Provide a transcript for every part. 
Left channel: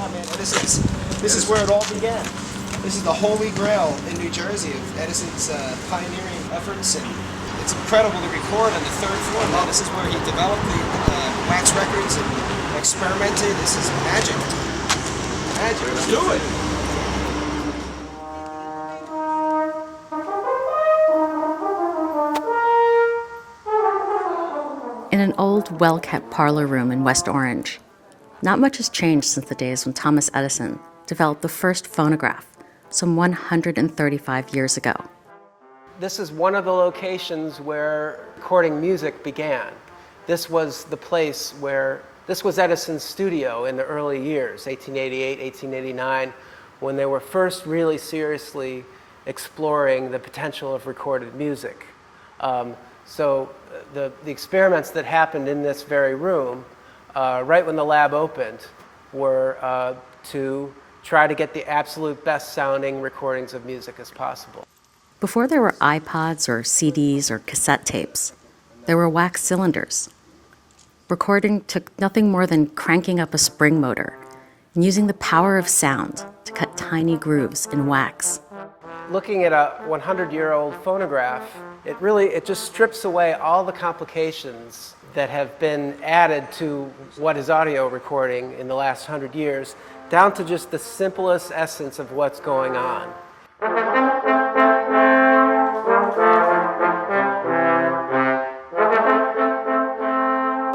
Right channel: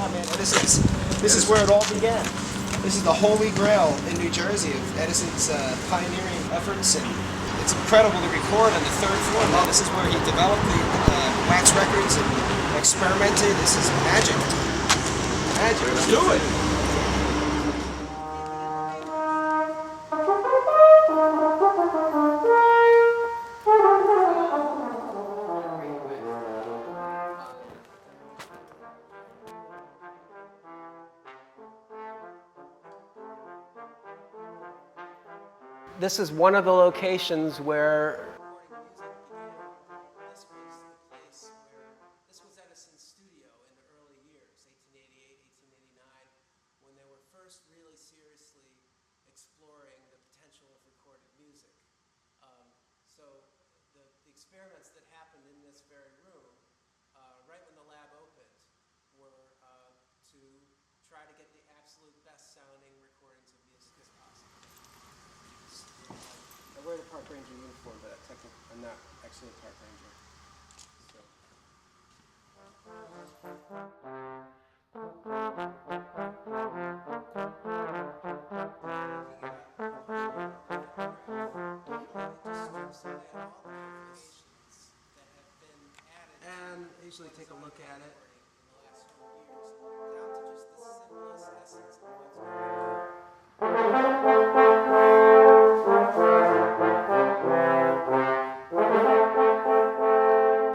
shot, man. This is where it all began. This is the holy grail in New Jersey of Edison's pioneering efforts, and it's incredible to record on the third floor. Well, this is where he developed the wax records and experimented. This is magic. Magic. Let's do it. In an old, well-kept parlor room in West Orange, not much has changed since the days when Thomas Edison developed the first phonograph some 135 years ago. This is one of the locations where recording music began. This was the place where, this was Edison's studio in the early years, 1888, 1889, when they were first really seriously exploring the potential of recorded music. So the experiments that happened in this very room, right when the lab opened, were to try to get the absolute best sounding recordings of music as possible. Before there were iPods or CDs or cassette tapes, there were wax cylinders. Recording took nothing more than cranking up a spring motor and using the power of sound to cut tiny grooves in wax. Looking at a 100-year-old phonograph, it just strips away all the complications that have been added to what is audio recording in the last 100 years, down to just the simplest essence of what's going on.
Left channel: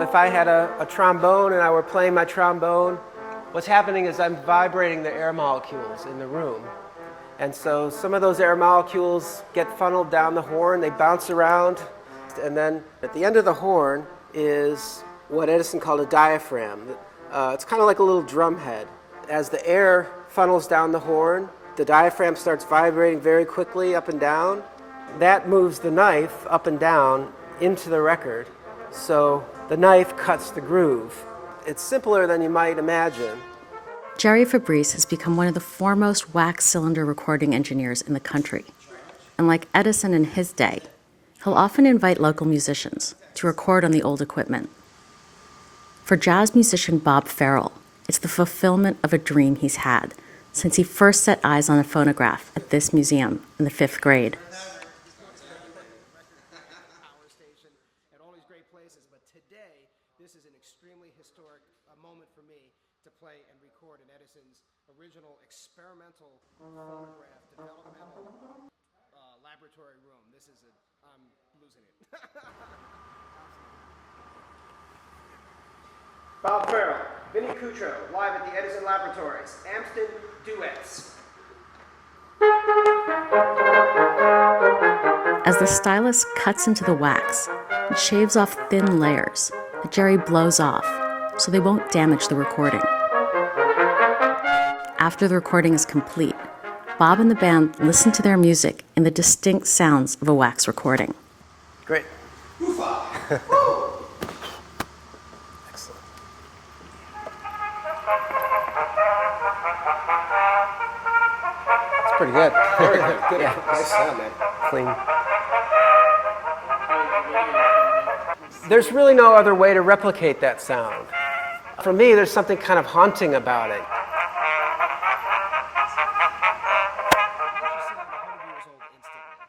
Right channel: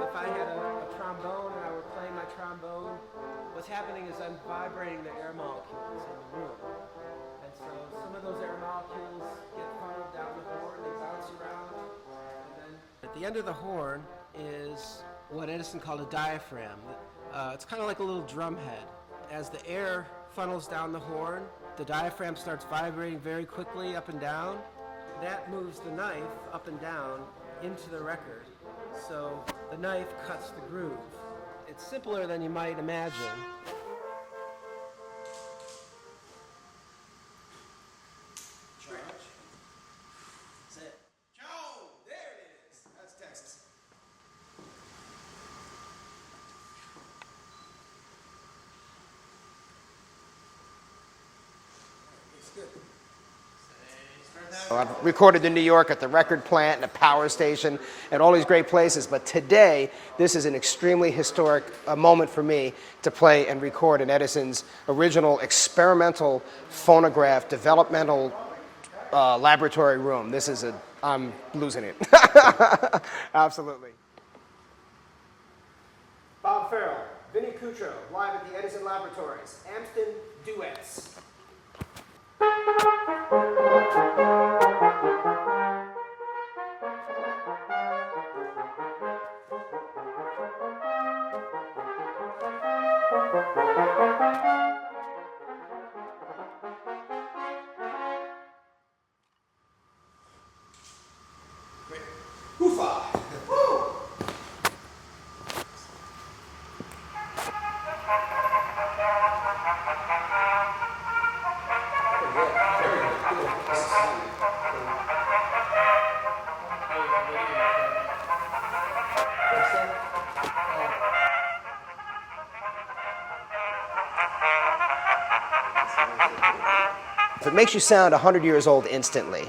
If I had a trombone and I were playing my trombone, what's happening is I'm vibrating the air molecules in the room. And so some of those air molecules get funneled down the horn, they bounce around, and then at the end of the horn is what Edison called a diaphragm. It's kind of like a little drum head. As the air funnels down the horn, the diaphragm starts vibrating very quickly up and down. That moves the knife up and down into the record, so the knife cuts the groove. It's simpler than you might imagine. Jerry Fabrice has become one of the foremost wax cylinder recording engineers in the country. And like Edison in his day, he'll often invite local musicians to record on the old equipment. For jazz musician Bob Farrell, it's the fulfillment of a dream he's had since he first set eyes on a phonograph at this museum in the 5th grade. I've recorded in New York at the record plant and a power station and all these great places, but today this is an extremely historic moment for me to play and record in Edison's original experimental phonograph developmental laboratory room. I'm losing it. Absolutely. Bob Farrell, Vinnie Cutro, live at the Edison Laboratories, Amston Duets. As the stylus cuts into the wax, it shaves off thin layers that Jerry blows off so they won't damage the recording. After the recording is complete, Bob and the band listen to their music in the distinct sounds of a wax recording. Great. Hoofa! Woo! Pretty good. Very good. Good. Nice sound, man. Clean. There's really no other way to replicate that sound. For me, there's something kind of haunting about it. It makes you sound 100 years old instantly.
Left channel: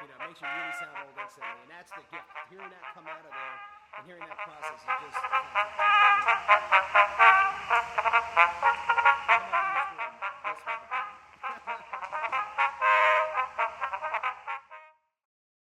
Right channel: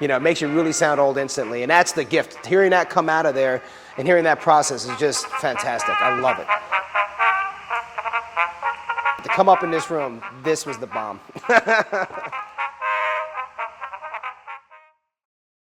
You know, it makes you really sound old instantly, and that's the gift. Hearing that come out of there and hearing that process is just fantastic. I love it. To come up in this room, this was the bomb.